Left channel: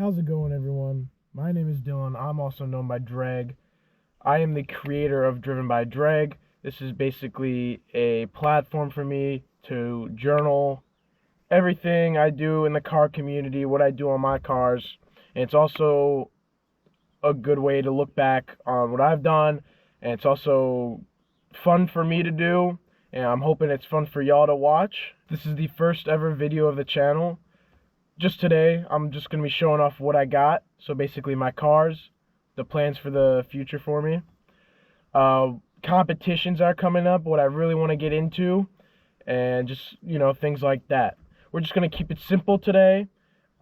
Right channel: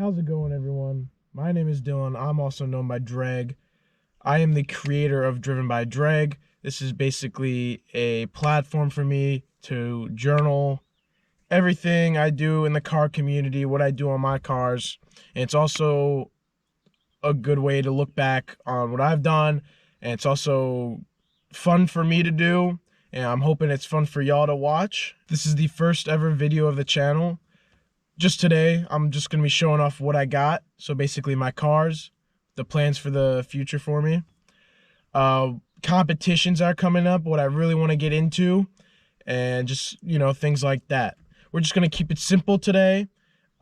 How's it going, everyone? My name is Dylan. I'm also known by Dreg. I am the creator of Driven by Dreg. This is basically a platform for me to journal everything I do in the car community, what I do on my cars. And it's also a good way to look back on what I've done. And it's also fun for me to do. And I'm hoping it's fun for y'all to watch. This is the first ever video of the channel. Just today, I'm just going to be showing off what I got. So basically my cars, the plans for the future for me. Competitions are coming up, what I really want to get into, and just, things like that. We're just going to keep it simple today.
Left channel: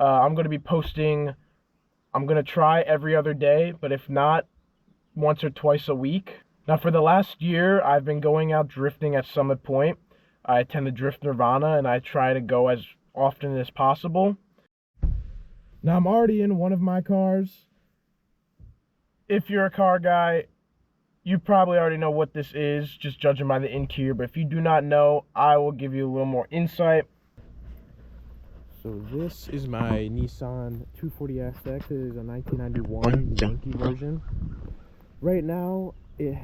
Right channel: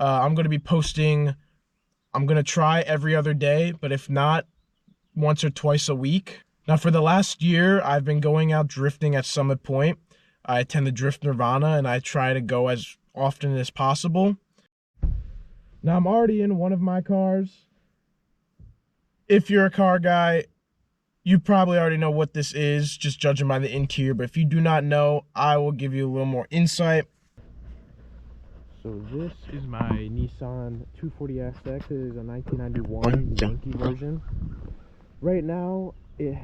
I'm going to be posting, I'm going to try every other day, but if not, once or twice a week. Now for the last year, I've been going out drifting at Summit Point. I attend the Drift Nirvana and I try to go as often as possible. Now I'm already in one of my cars. If you're a car guy, you probably already know what this is, just judging by the interior. But if you do not know, I will give you a little more insight. So this is my Nissan 240SX. It is a 1991 Yankee version. Right now, it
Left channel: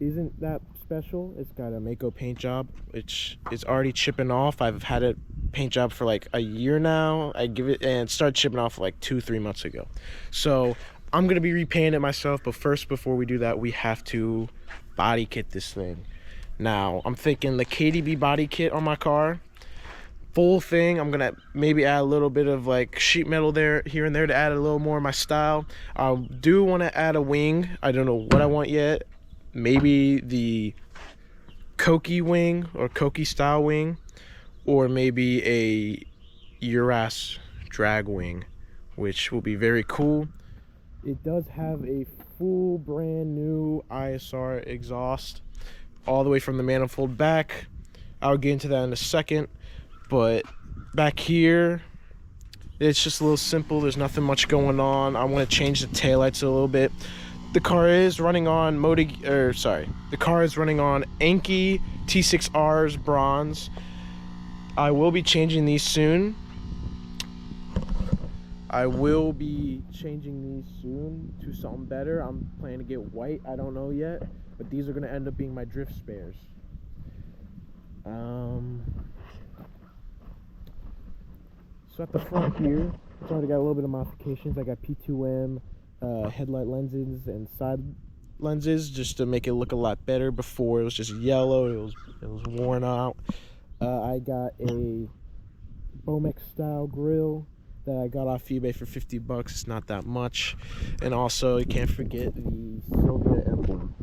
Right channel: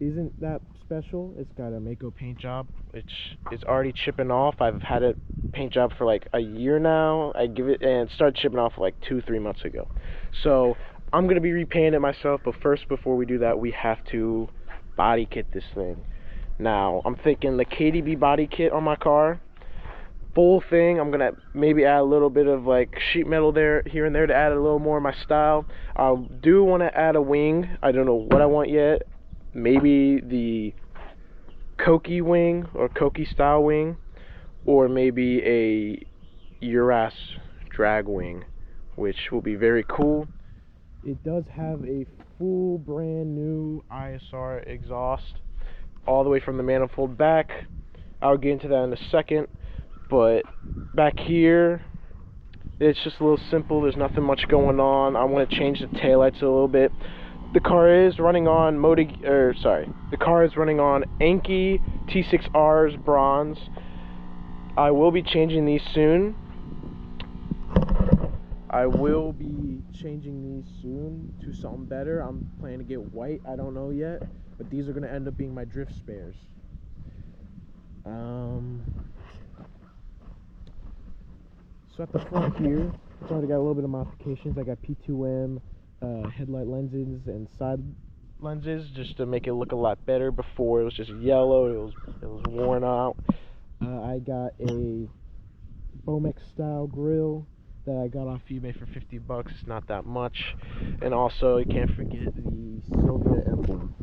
isn't that special. It's got a Mako paint job, which is already chipping off. I've had a paint job for like a year now. I give it, and it started chipping off like 2-3 months ago. So I'm gonna be repainting it myself, but first, before we do that, we have to body kit this thing. Now I'm thinking the KDB body kit on my car, full thing. I'm gonna maybe add a little bit of like sheet metal there, here and there, to add a little more of my style. I do want to add a wing. I don't know what I want yet. Maybe the Koki wing or Koki style wing, or maybe a Uras drag wing, which will be very cool. It does have a full brand new ISR exhaust all the way from the manifold back. I'll get into that in a second, but back here it's just a little simple. There's nothing much going on. I want to change the taillights a little bit. The car is running on the car is running on Enki T6Rs bronze. I will be changing these soon. To something better. I'm planning to get white. I don't know yet, but these are going to end up being my drift spares. So at the front here, it's already got a little bit of modifications. I got P2M headlight lenses and side lenses just to make it look a lot better. Before it was just yellow, it was worn out. I got a Bomex style grill that I got off eBay for $50. It's not that much. And also, you can't forget the Sylvia emblem.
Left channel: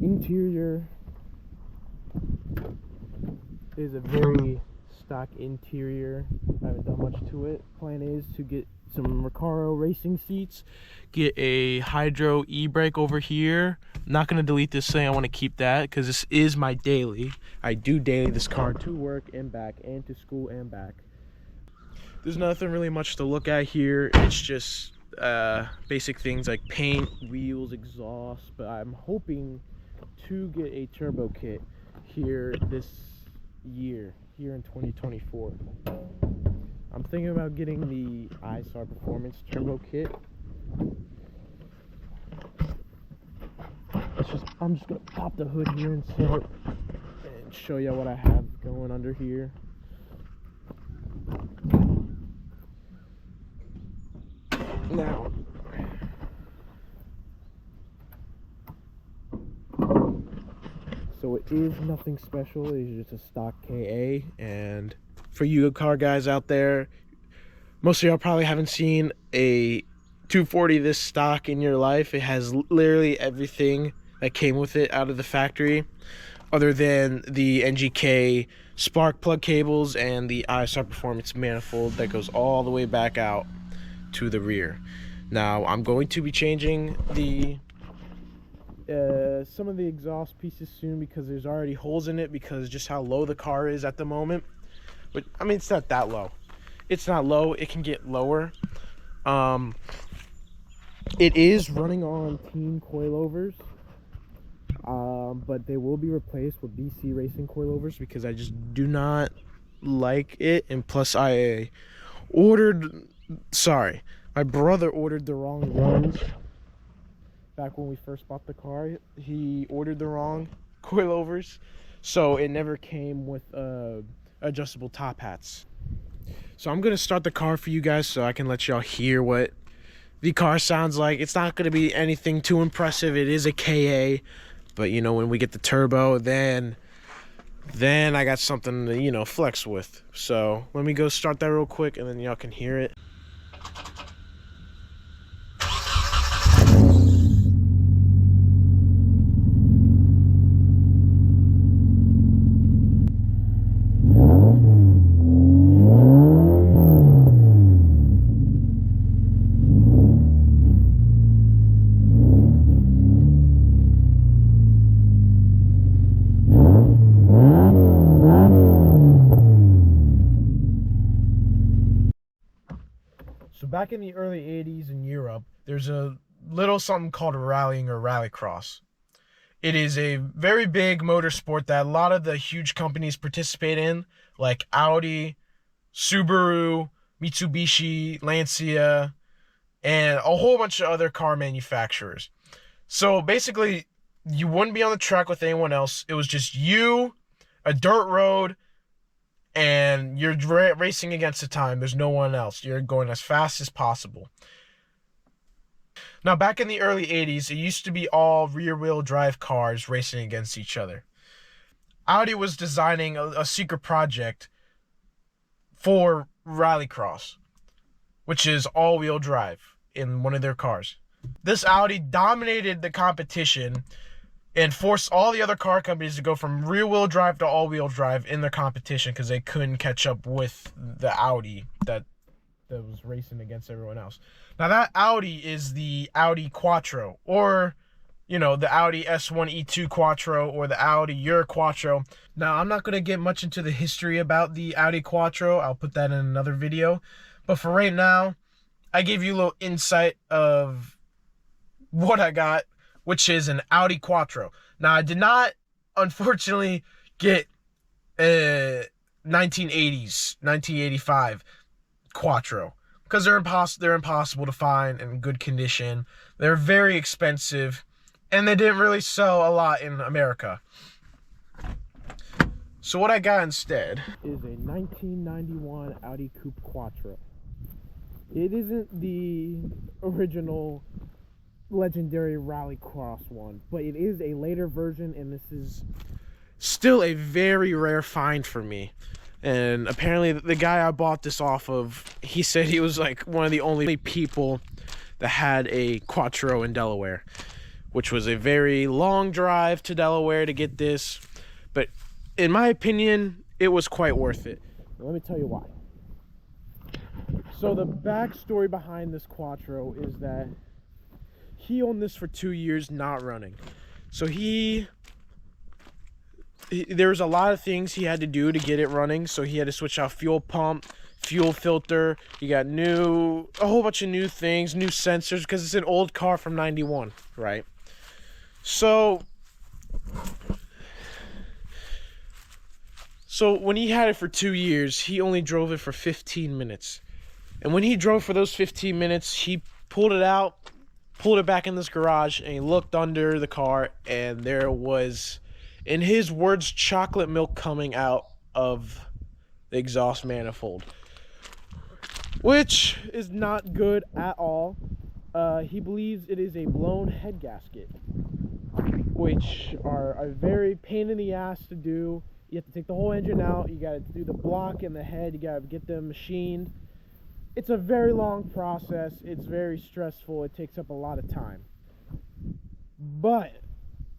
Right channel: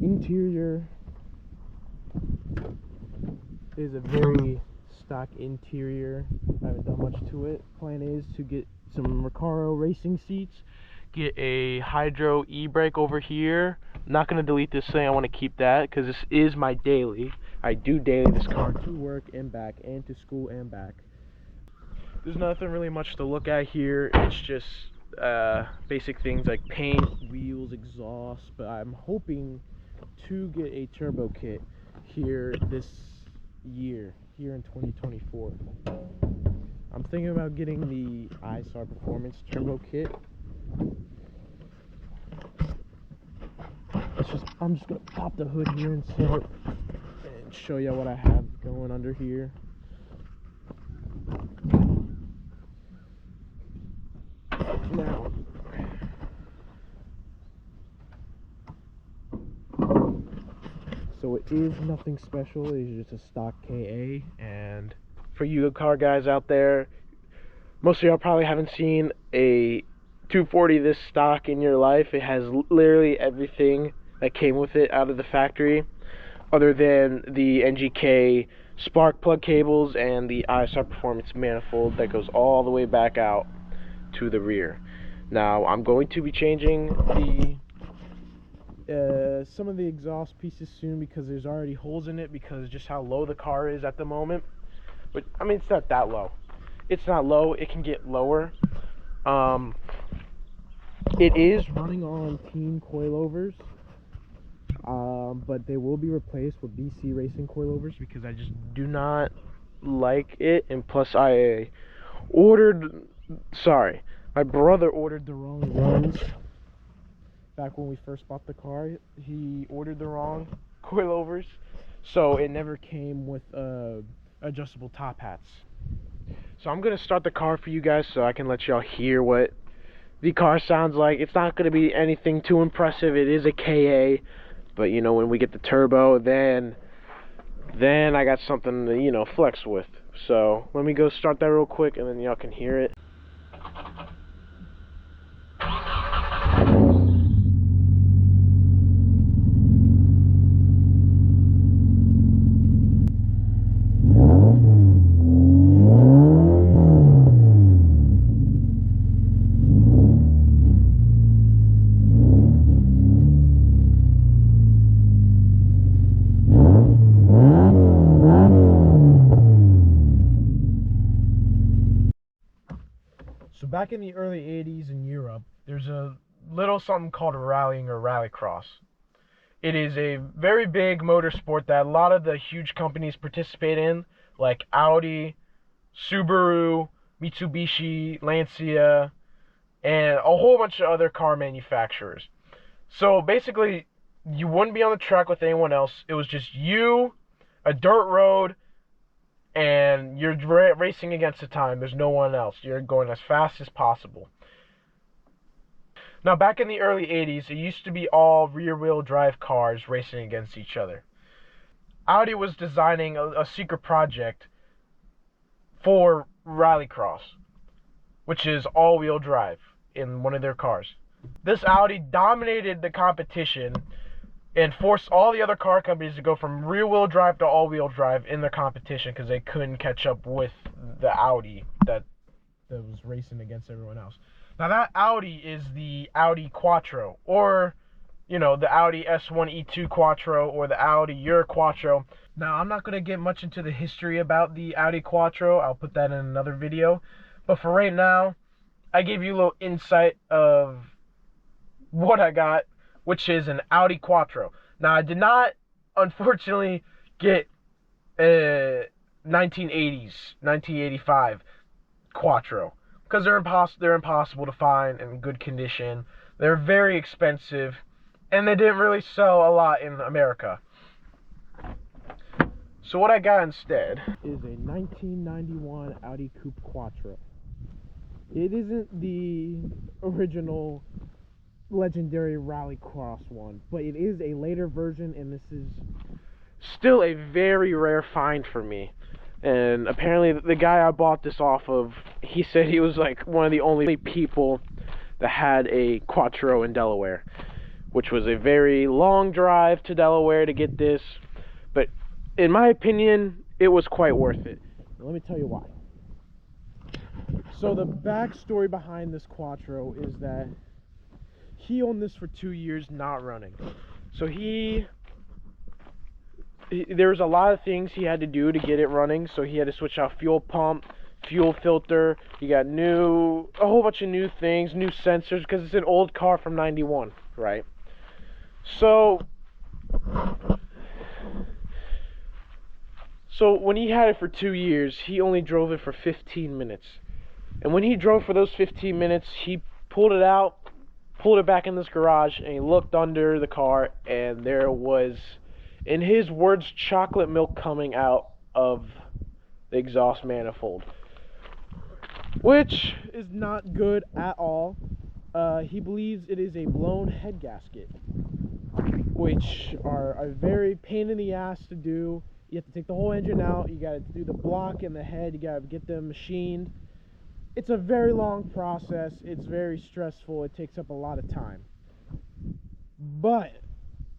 Interior is a very stock interior. I haven't done much to it. Plan is to get some Recaro racing seats, get a Hydro e-brake over here. I'm not going to delete this thing. I want to keep that because this is my daily. I do daily this car to work and back, and to school and back. There's nothing really much to look at here. It's just basic things like paint, wheels, exhaust. But I'm hoping to get a turbo kit here this year, here in 2024. I'm thinking about getting the ISR Performance Turbo Kit. I'm just gonna pop the hood here and show you what I have going under here. Now, so it is nothing special. It is just a stock KA, and for you car guys out there, most of y'all probably haven't seen a 240 this stock in your life. It has literally everything that came with it out of the factory, other than the NGK spark plug cables and the ISR Performance manifold that goes all the way back out to the rear. Now I'm going to be changing some of the exhaust pieces soon, because there's already holes in it because just how low the car is at the moment. But I mean, it's not that low. It's not low. It can get lower. It is running on teen coilovers, but they will be replaced with BC Racing coilovers because I just do not like it. And plus, I ordered My brother ordered the wrong ones. Back when we first bought the car, he ordered the wrong coilovers, so it never came with adjustable top hats. So I'm gonna start the car for you guys so I can let y'all hear what the car sounds like. It's not gonna be anything too impressive. It is a KA, but you know, when we get the turbo, then I got something to, you know, flex with. So let me go start that real quick and then y'all can hear it. So back in the early 80s in Europe, there's a little something called rallying or rallycross. It is a very big motorsport that a lot of the huge companies participate in, like Audi, Subaru, Mitsubishi, Lancia, and a whole bunch of other car manufacturers. So basically, you wouldn't be on the track with anyone else. It was just you, a dirt road, and you're racing against the time. There's no one else. You're going as fast as possible. Now, back in the early 80s, it used to be all rear-wheel drive cars racing against each other. Audi was designing a secret project for rallycross, which is all-wheel drive in one of their cars. This Audi dominated the competition and forced all the other car companies to go from rear-wheel drive to all-wheel drive in their competition because they couldn't catch up with the Audi that was racing against everyone else. Now, that Audi is the Audi Quattro, or, you know, the Audi S1 E2 Quattro, or the Audi Euro Quattro. Now, I'm not going to get much into the history about the Audi Quattro. I'll put that in another video. But for right now, I gave you a little insight of what I got, which is an Audi Quattro. Now, I did not, unfortunately, get a 1985 Quattro because they're impossible to find in good condition. They're very expensive, and they didn't really sell a lot in America. So what I got instead is a 1991 Audi Coupe Quattro. It isn't the original legendary rallycross one, but it is a later version, and this is still a very rare find for me. And apparently the guy I bought this off of, he said he was like one of the only people that had a Quattro in Delaware, which was a very long drive to Delaware to get this, but in my opinion it was quite worth it. Let me tell you why. So the backstory behind this Quattro is that he owned this for 2 years not running. So there was a lot of things he had to do to get it running. So he had to switch out fuel pump, fuel filter. You got a whole bunch of new things, new sensors, because it's an old car from 91, right? So when he had it for 2 years, he only drove it for 15 minutes. And when he drove for those 15 minutes, he pulled it out, pulled it back in this garage, and he looked under the car, and there was, in his words, chocolate milk coming out of the exhaust manifold, which is not good at all. He believes it is a blown head gasket, which are a very pain in the ass to do. You have to take the whole engine out, you got to do the block and the head, you got to get them machined. It's a very long process. It's very stressful. It takes up a lot of time. But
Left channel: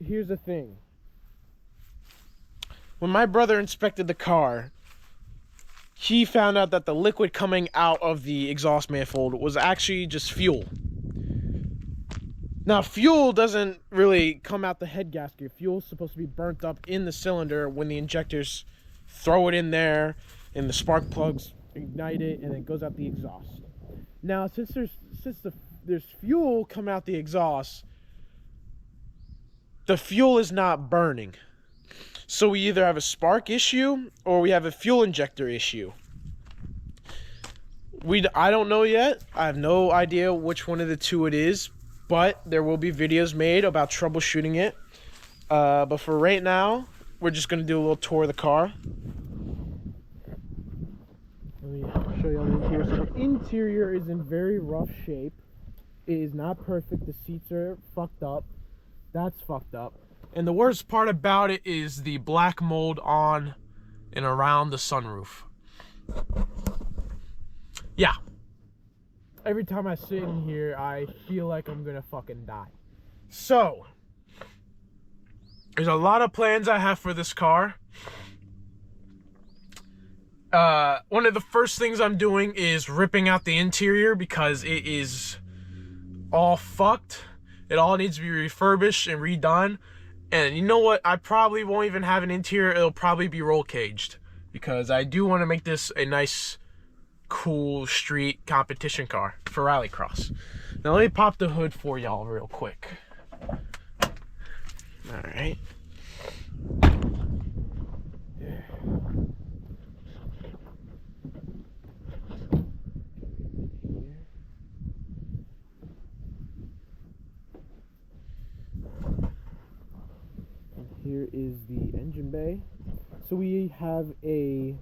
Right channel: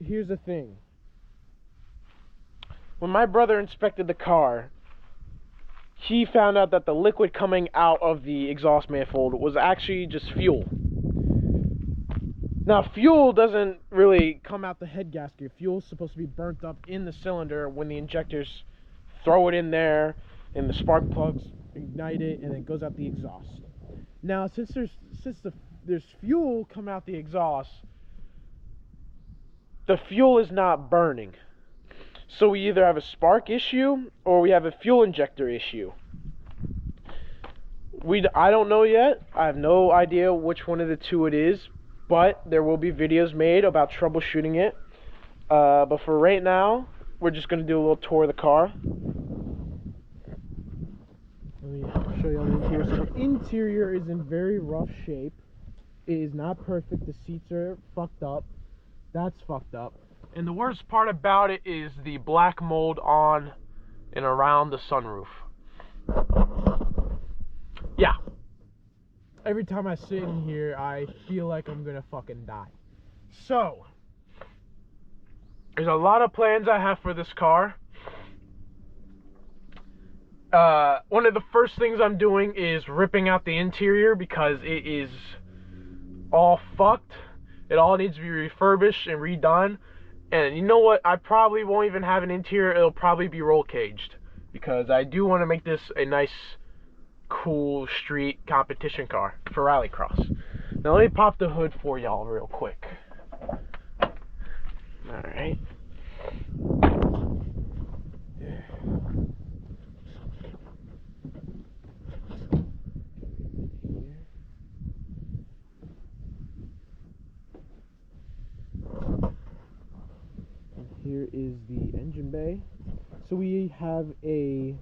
here's the thing. When my brother inspected the car, he found out that the liquid coming out of the exhaust manifold was actually just fuel. Now, fuel doesn't really come out the head gasket. Fuel's supposed to be burnt up in the cylinder when the injectors throw it in there and the spark plugs ignite it, and it goes out the exhaust. Now, since there's fuel coming out the exhaust, the fuel is not burning. So we either have a spark issue or we have a fuel injector issue. I don't know yet. I have no idea which one of the two it is, but there will be videos made about troubleshooting it. But for right now, we're just gonna do a little tour of the car. Let me show you on the interior. So the interior is in very rough shape. It is not perfect. The seats are fucked up. That's fucked up. And the worst part about it is the black mold on and around the sunroof. Yeah. Every time I sit in here, I feel like I'm gonna fucking die. So, there's a lot of plans I have for this car. One of the first things I'm doing is ripping out the interior because it is all fucked. It all needs to be refurbished and redone. And you know what? I probably won't even have an interior. It'll probably be roll caged because I do want to make this a nice, cool street competition car for rallycross. Now let me pop the hood for y'all real quick. All right. Here is the engine bay. So we have a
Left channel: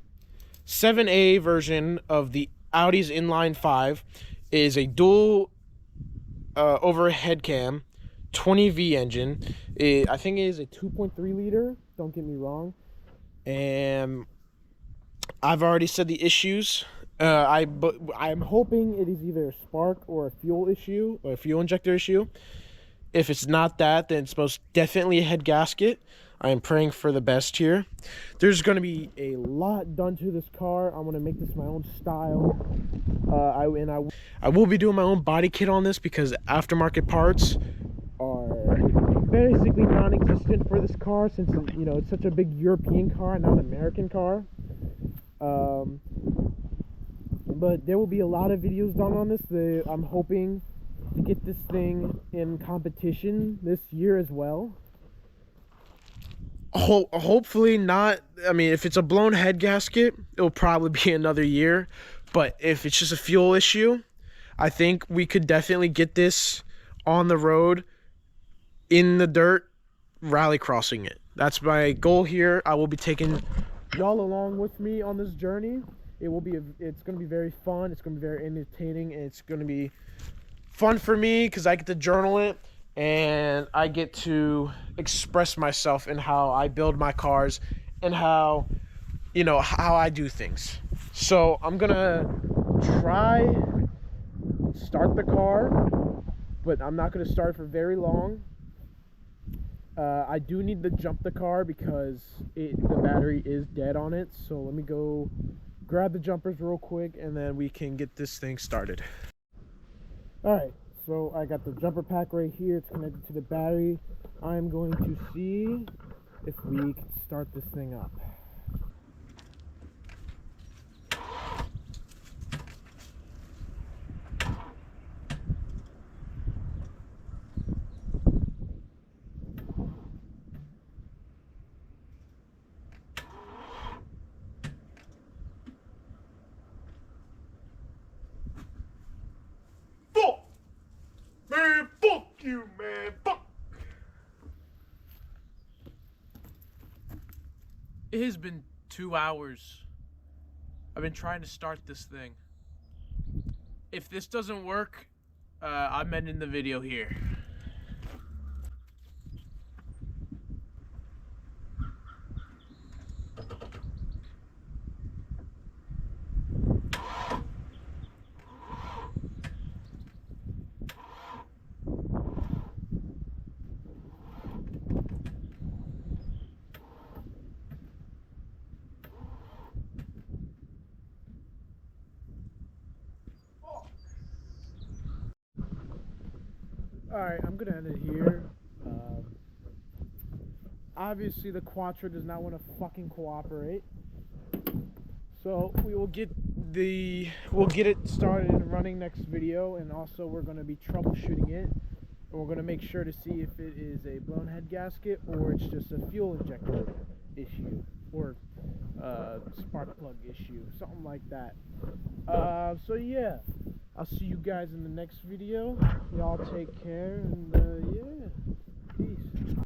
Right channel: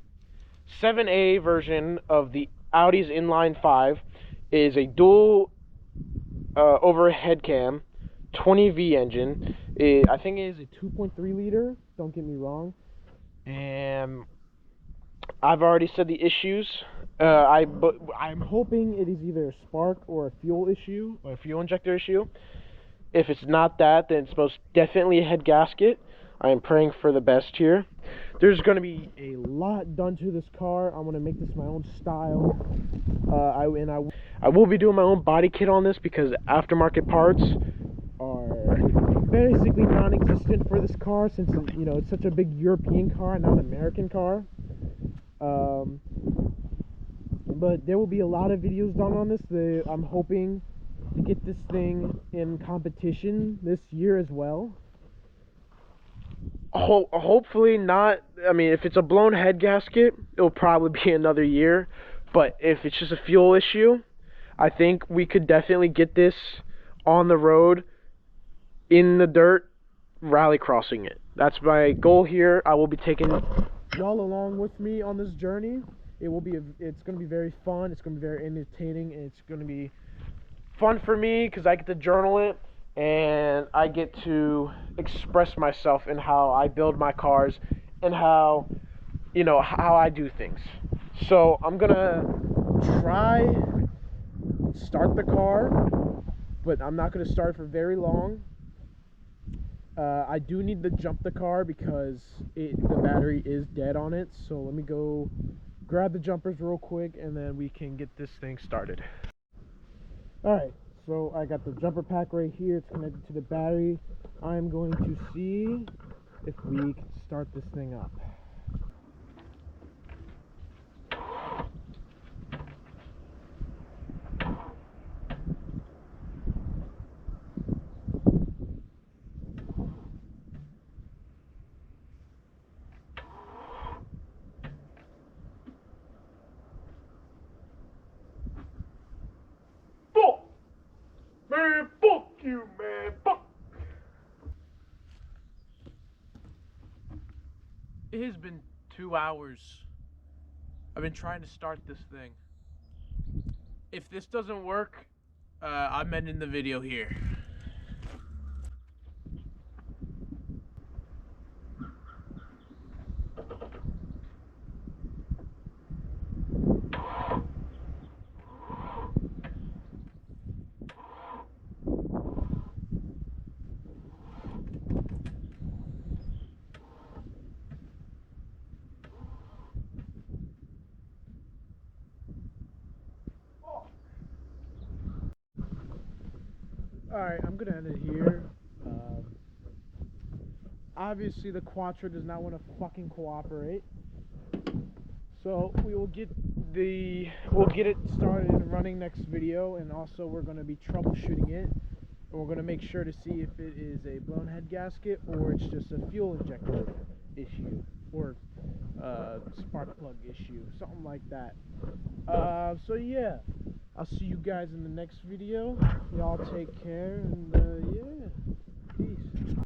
7A version of the Audi's inline 5. It is a dual overhead cam 20V engine. I think it is a 2.3 liter, don't get me wrong. And I've already said the issues. I'm hoping it is either a spark or a fuel issue, or a fuel injector issue. If it's not that, then it's most definitely a head gasket. I am praying for the best here. There's going to be a lot done to this car. I'm going to make this my own style. I will be doing my own body kit on this because aftermarket parts are basically non-existent for this car since, you know, it's such a big European car, not an American car. But there will be a lot of videos done on this. I'm hoping to get this thing in competition this year as well. Hopefully not. I mean, if it's a blown head gasket, it'll probably be another year. But if it's just a fuel issue, I think we could definitely get this on the road, in the dirt, rallycrossing it. That's my goal here. I will be taking y'all along with me on this journey. It's going to be very fun. It's going to be very entertaining, and it's going to be fun for me because I get to journal it and I get to express myself in how I build my cars and how, you know, how I do things. So I'm gonna try start the car, but I'm not gonna start for very long. I do need to jump the car because the battery is dead on it. So let me go grab the jumpers real quick and then we can get this thing started. Alright, so I got the jumper pack right here. It's connected to the battery. I'm going to see if we can start this thing up. Man, fuck you, man. Fuck. It has been 2 hours. I've been trying to start this thing. If this doesn't work, I'm ending the video here. Alright, I'm gonna end it here. Obviously the Quattro does not want to fucking cooperate. So we'll get it started and running next video, and also we're gonna be troubleshooting it. And we're gonna make sure to see if it is a blown head gasket or it's just a fuel injector issue. or spark plug issue, something like that. So yeah, I'll see you guys in the next video. Y'all take care, and yeah.